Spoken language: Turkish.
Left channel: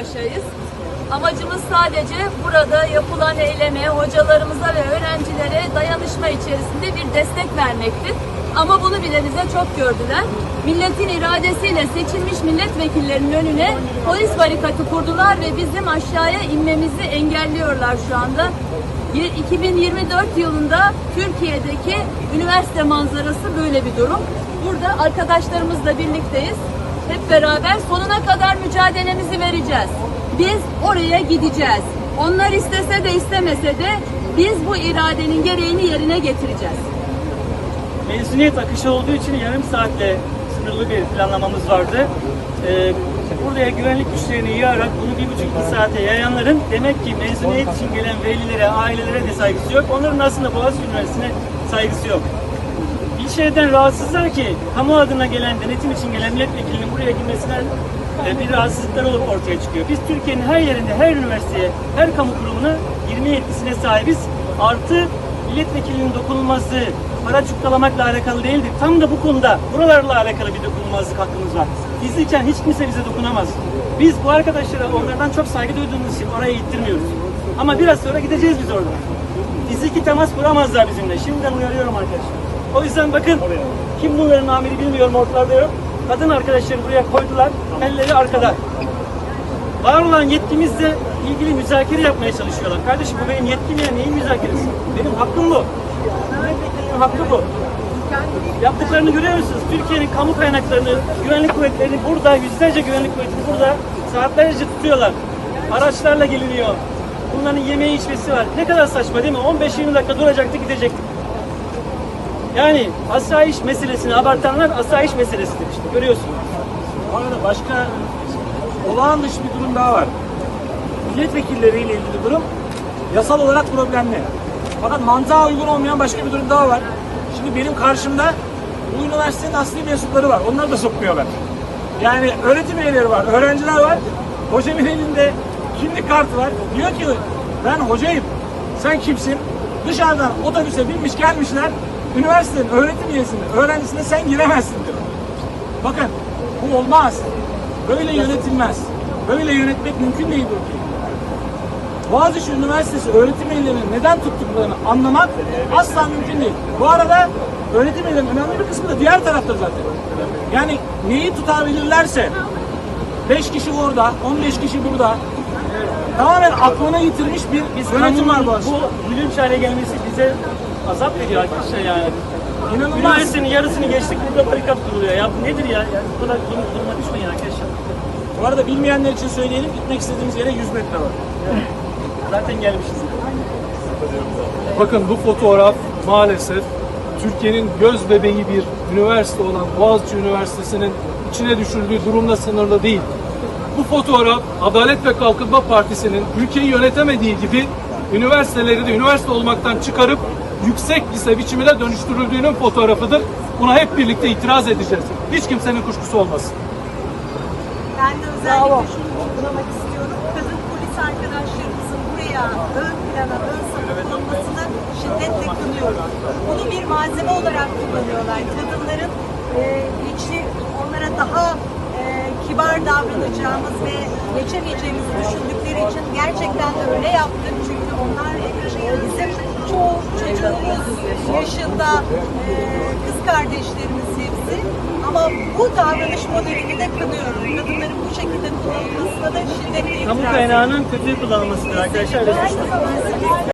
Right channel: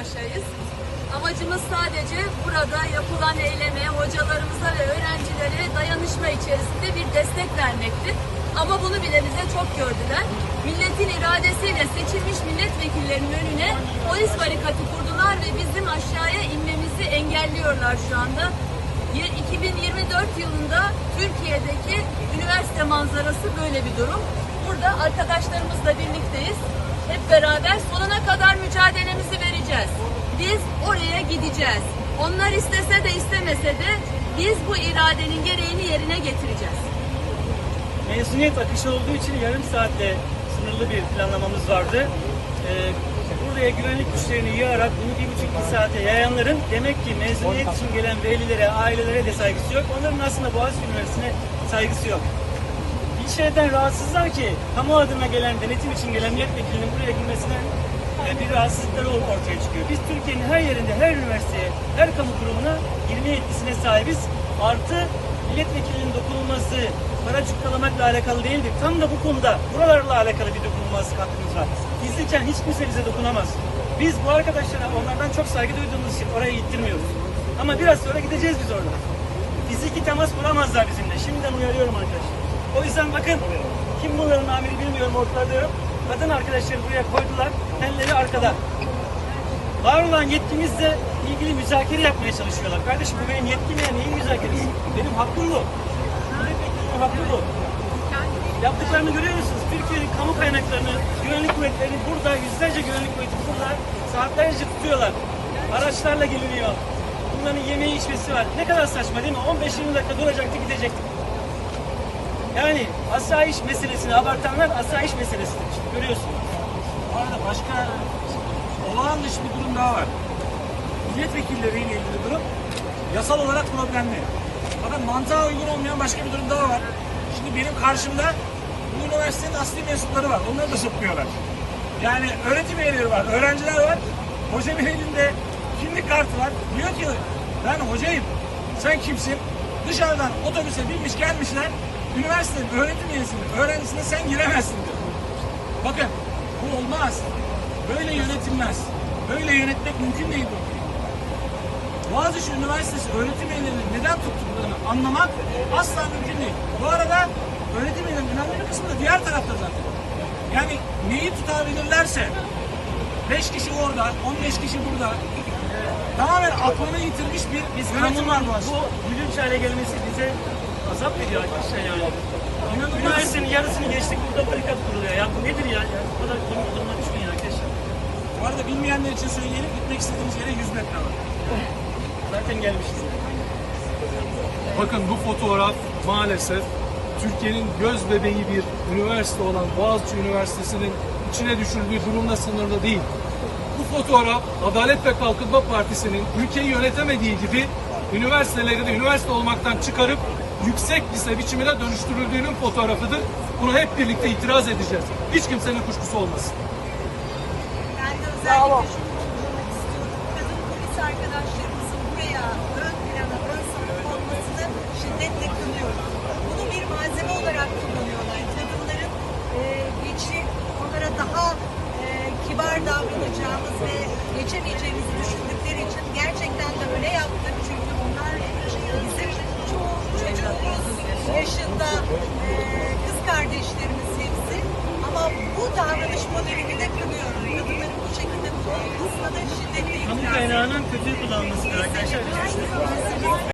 karşıyayız. Amacımız sadece burada yapılan eyleme, hocalarımıza ve öğrencilere dayanışma içerisinde bir destek vermektir. Ama bunu bile bize çok gördüler. Milletin iradesiyle seçilmiş milletvekillerinin önüne polis barikatı kurdular ve bizim aşağıya inmemizi engelliyorlar şu anda. Y- 2024 yılında Türkiye'deki üniversite manzarası böyle bir durum. Burada arkadaşlarımızla birlikteyiz. Hep beraber sonuna kadar mücadelemizi vereceğiz. Biz oraya gideceğiz. Onlar istese de istemese de biz bu iradenin gereğini yerine getireceğiz. Mezuniyet akışı olduğu için yarım saatle sınırlı bir planlamamız vardı. Ee, buraya güvenlik güçlerini yığarak bunu bir buçuk iki saate yayanların demek ki mezuniyet için gelen velilere, ailelere de saygısı yok. Onların aslında Boğaziçi Üniversitesi'ne saygısı yok. Bir şeyden rahatsızlar ki kamu adına gelen, denetim için gelen milletvekilinin buraya girmesinden e, bir rahatsızlıklar ortaya çıkıyor. Biz Türkiye'nin her yerinde, her üniversiteye, her kamu kurumuna girme yetkisine sahibiz. Artı milletvekilinin dokunulmazlığı para cukkalamakla alakalı değildir. Tam da bu konuda buralarla alakalı bir dokunulmazlık hakkımız var. Bizliyken hiç kimse bize dokunamaz. Biz bu arkadaşlara onlardan çok saygı duyduğumuz için oraya ittirmiyoruz. Ama biraz sonra gideceğiz biz orada. Fiziki temas kuramazlar bizimle. Şimdiden uyarıyorum arkadaşlar. O yüzden bakın kim bu verin amiri bilmiyorum ortalarda yok. Kadın arkadaşları buraya koydular. Elleri arkada. Var olan yetkimizle ilgili müzakere yapmaya çalışıyorlar. Kardeşim bu benim yetkim ya neyin müzakeresi? Benim hakkım bu. Milletvekilinin hakkı bu. Yaptıklarını görüyor musunuz? Türkiye'nin kamu kaynaklarını, güvenlik kuvvetlerini burada, yüzlerce güvenlik kuvvetini burada saatlerce tutuyorlar. Araçlarla geliniyor. Bunların yemeği içmesi var. Ne kadar saçma değil mi? 15-20 dakika duracaktı gidecektik. Yani asayiş meselesini abartanlar asayiş meselesidir işte görüyorsunuz. Bu arada başka olağan dışı bir durum daha var. Milletvekilleriyle ilgili durum yasal olarak problemli. Fakat mantığa uygun olmayan başka bir durum daha var. Şimdi benim karşımda bu üniversitenin asli mensupları var. Onları da sokmuyorlar. Yani öğretim üyeleri var, öğrenciler var. Hocamın elinde kimlik kartı var. Diyor ki ben hocayım. Sen kimsin? Dışarıdan otobüse binmiş gelmişler. Üniversitenin öğretim üyesine, öğrencisine sen giremezsin diyor. Bakın bu olmaz. Böyle yönetilmez. Böyle yönetmek mümkün değil bu ülkeyi. Boğaziçi Üniversitesi öğretim üyelerinin neden tuttuklarını anlamak asla mümkün değil. Bu arada öğretim üyelerinin önemli bir kısmı da diğer tarafta zaten. Yani neyi tutabilirlerse 5 kişi orada, 15 kişi burada tamamen aklına yitirmiş bir Biz yönetim var kanunun Boğaziçi'de. bu gülünç hale gelmesi bize azap veriyor arkadaşlar yani. İnanılmaz. Üniversitenin yarısını geçtik burada barikat kuruluyor. Ya bu nedir ya? Yani bu kadar konu duruma düşmeyin arkadaşlar. Bu arada bilmeyenler için söyleyelim gitmek istediğiniz yere 100 metre var. Evet. Zaten gelmişiz. Bakın bu fotoğraf maalesef Türkiye'nin göz bebeği bir üniversite olan Boğaziçi Üniversitesi'nin içine düşürdüğü durumla sınırlı değil. Bu fotoğraf Adalet ve Kalkınma Partisi'nin ülkeyi yönetemediği gibi üniversiteleri de üniversite olmaktan çıkarıp yüksek lise biçimine dönüştürüldüğünün fotoğrafıdır. Buna hep birlikte itiraz edeceğiz. Hiç kimsenin kuşkusu olmasın. Ben de özellikle şunu vurgulamak istiyorum. Kadın polis arkadaşlarımızın buraya ön plana, ön safha konmasını şiddetle kınıyoruz. Bunu bir malzeme olarak kullanıyorlar. Kadınların e, güçlü, onlara daha kibar davranacağımız ve geçemeyeceğimizi düşündükleri için gerçekten de öyle yaptık. Çünkü onlar bizim çoğu çocuğumuz yaşında e, kız kardeşlerimiz hepsi. Ama bu davranış modelini de kınıyorum. Kadınların bu şekilde kullanılmasına da şiddetle Kamu kaynağının kötü kullanılmasıdır arkadaşlar.